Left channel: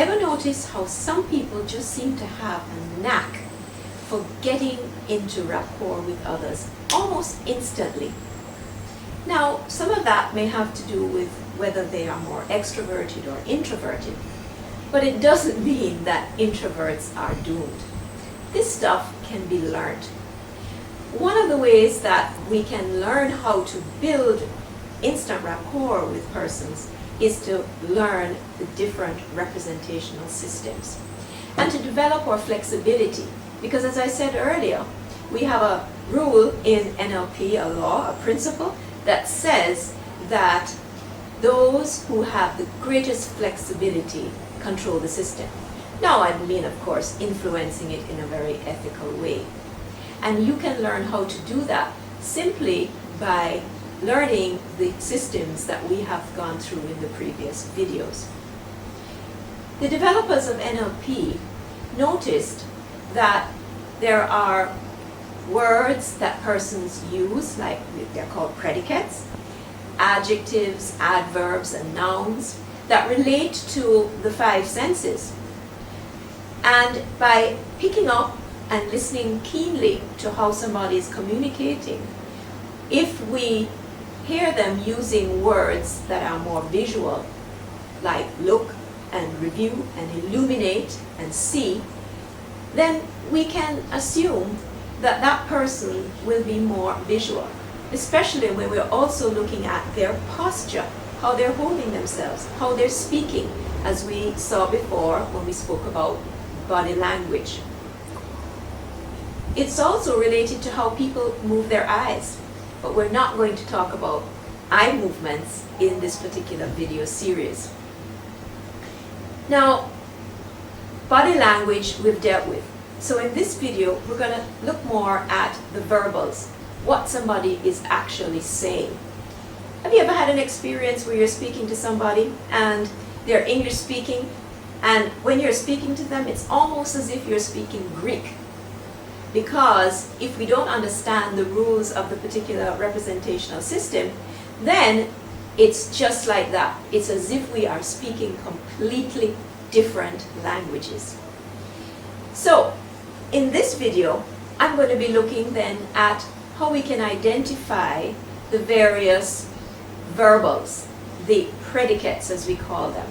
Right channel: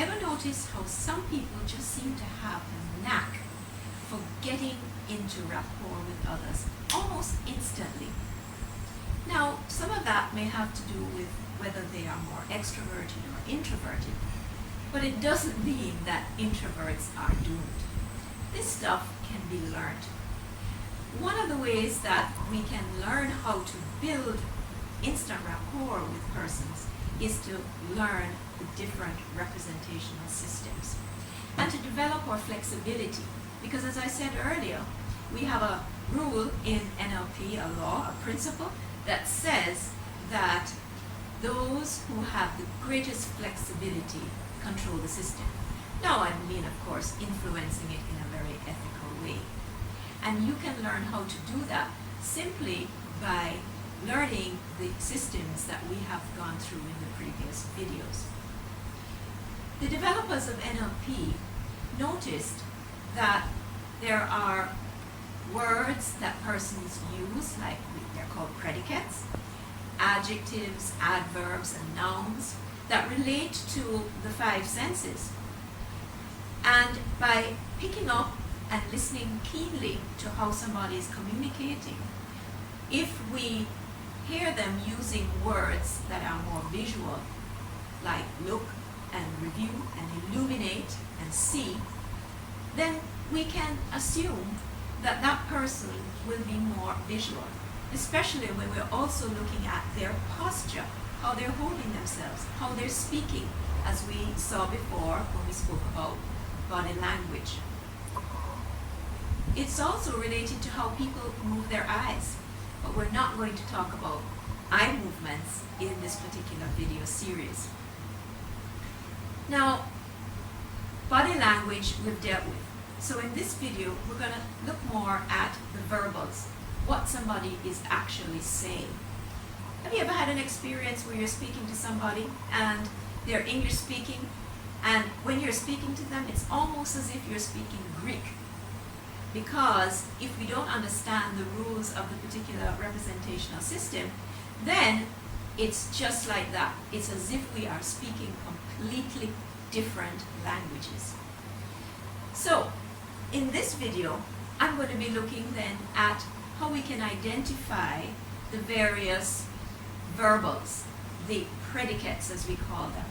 Ever notice how some people just seem to have a knack for getting into rapport with others almost instantly? Now, some of that may have to do with whether they are more extroverted or introverted, but it doesn't mean that introverts are doomed. This stuff can be learned. One of the ways that we can learn how to build instant rapport with persons is to learn the different representational systems and to develop our flexibility. Because as I said earlier, we have a rule in NLP, a law, a principle, that says that those who have the greatest flexibility control the system. Now, I mean, of course, influencing it in a very ethical way. And you can learn how to do that simply by learning the systems that we have gone through in the previous videos. The developers of NLP noticed that there are words that persons use, like they're called predicates, adjectives, adverbs, and nouns that relate to the five senses. And by picking up and listening keenly to how somebody is communicating, if we hear them using words that are more visual, like look and review and illuminate and see, then we can assume that that person will be more visual, especially when we're also looking at their posture, how they're holding themselves, how they're speaking, as we saw before when we spoke about body language. It's also related to how people move their eyes, but we're not going to talk about eye movements in this particular video series. Now, body language we've dealt with. So in this video, we're going to look more at the verbals, what somebody is actually saying. Have you ever had an experience where you're speaking to somebody and they're English speaking, and when you're speaking to them, it's almost as if you're speaking Greek? Because if we don't understand the rules of the particular representational system, then it's just like that. It's as if we are speaking completely different languages. So, in this video, I'm going to be looking then at how we can identify the various verbals, the predicates as we call them,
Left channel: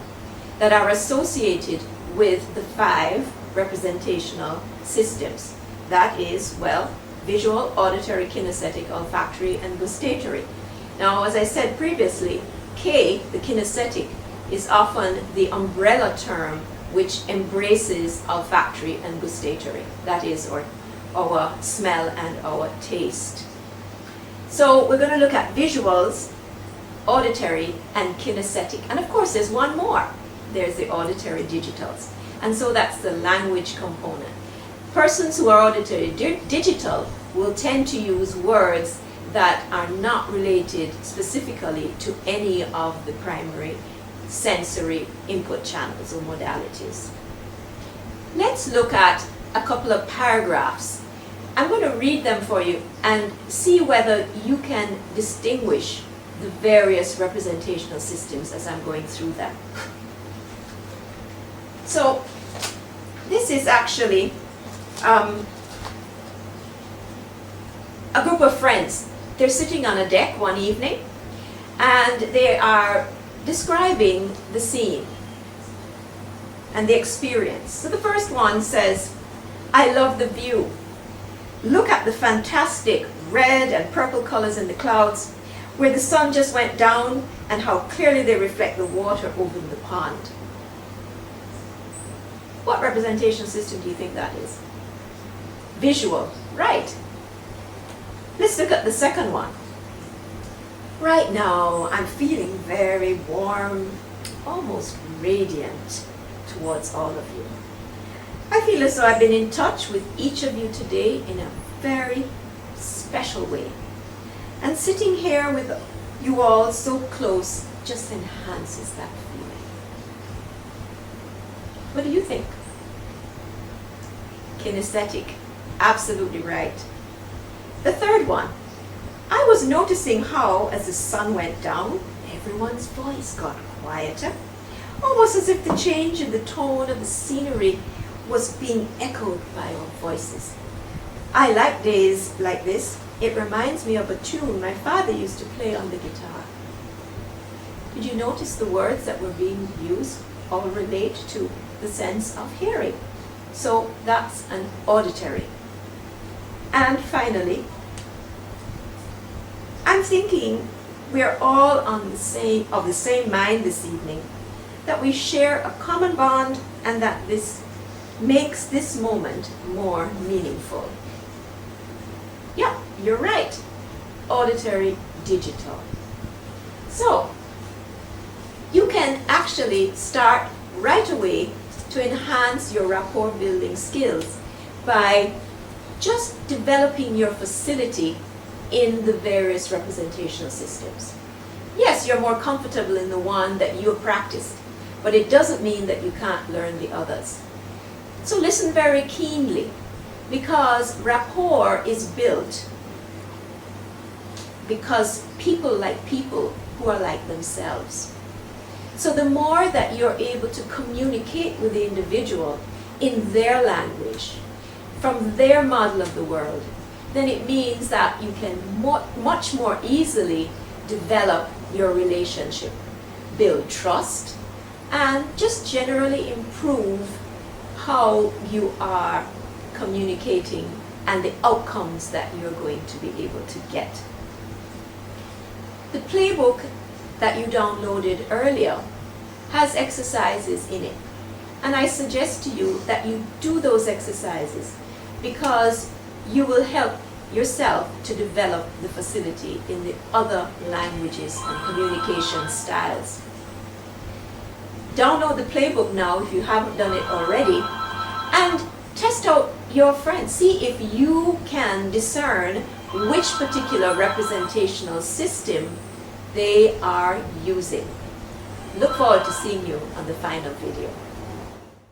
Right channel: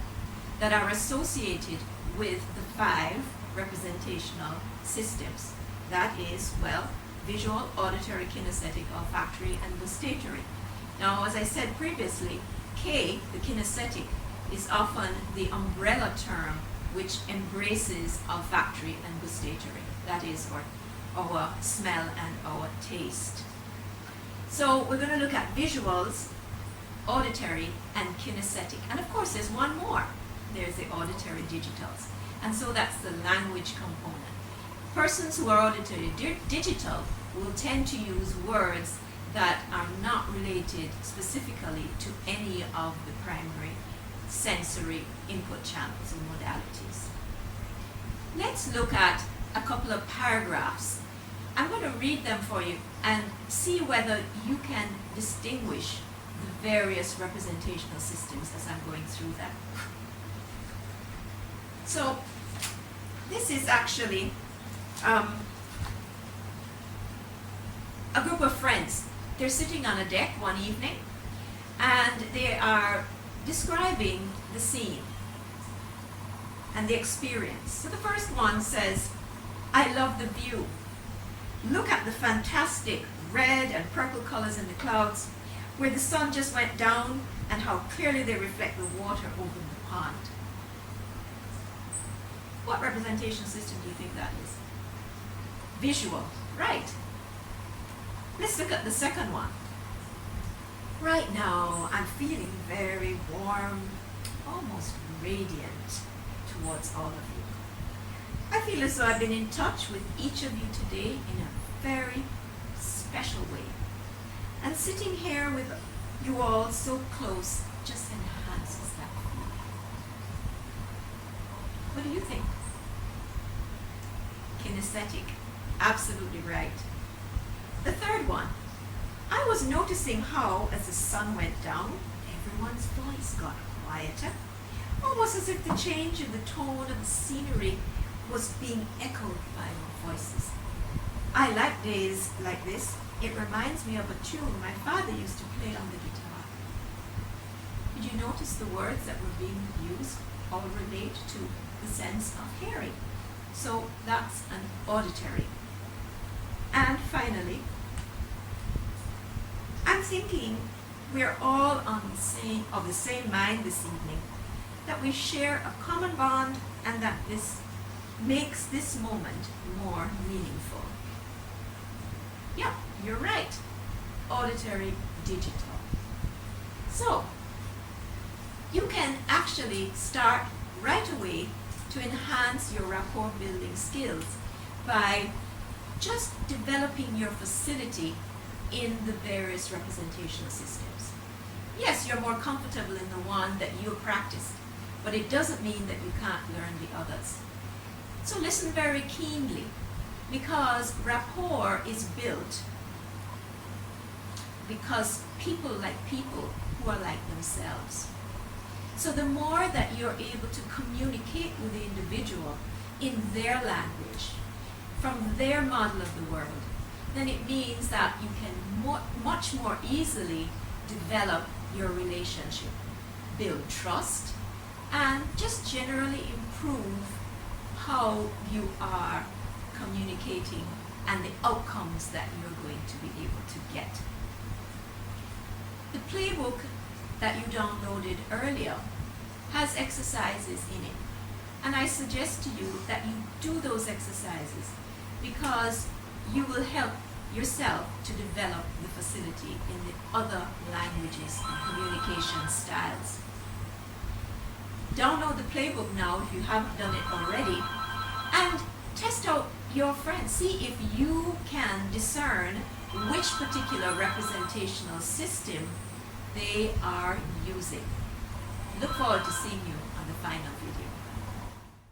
that are associated with the five representational systems. That is, well, visual, auditory, kinesthetic, olfactory, and gustatory. Now, as I said previously, K, the kinesthetic, is often the umbrella term which embraces olfactory and gustatory. That is our smell and our taste. So we're going to look at visuals, auditory, and kinesthetic. And of course, there's one more. There's the auditory digitals. And so that's the language component. Persons who are auditory digital will tend to use words that are not related specifically to any of the primary sensory input channels or modalities. Let's look at a couple of paragraphs. I'm going to read them for you and see whether you can distinguish the various representational systems as I'm going through them. So this is actually a group of friends. They're sitting on a deck one evening and they are describing the scene and the experience. So the first one says, "I love the view. Look at the fantastic red and purple colors in the clouds where the sun just went down and how clearly they reflect the water over the pond." What representation system do you think that is? Visual, right. Let's look at the second one. "Right now, I'm feeling very warm, almost radiant towards all of you. I feel as though I've been in touch with each of you today in a very special way. And sitting here with you all so close just enhances that feeling." What do you think? Kinesthetic, absolutely right. The third one, "I was noticing how, as the sun went down, everyone's voice got quieter, almost as if the change in the tone of the scenery was being echoed by our voices. I like days like this. It reminds me of a tune my father used to play on the guitar. Did you notice the words that were being used all relate to the sense of hearing? So that's an auditory. And finally, I'm thinking we're all of the same mind this evening, that we share a common bond and that this makes this moment more meaningful. Yeah, you're right. Auditory, digital. So, you can actually start right away to enhance your rapport building skills by just developing your facility in the various representational systems. Yes, you're more comfortable in the one that you have practiced, but it doesn't mean that you can't learn the others. So listen very keenly, because rapport is built because people like people who are like themselves. So the more that you're able to communicate with the individual in their language, from their model of the world, then it means that you can much more easily develop your relationship, build trust, and just generally improve how you are communicating and the outcomes that you're going to be able to get. The playbook that you downloaded earlier has exercises in it, and I suggest to you that you do those exercises because you will help yourself to develop the facility in the other languages and communication styles. Download the playbook now if you haven't done it already, and test out your friends. See if you can discern which particular representational system they are using. Look forward to seeing you on the final video.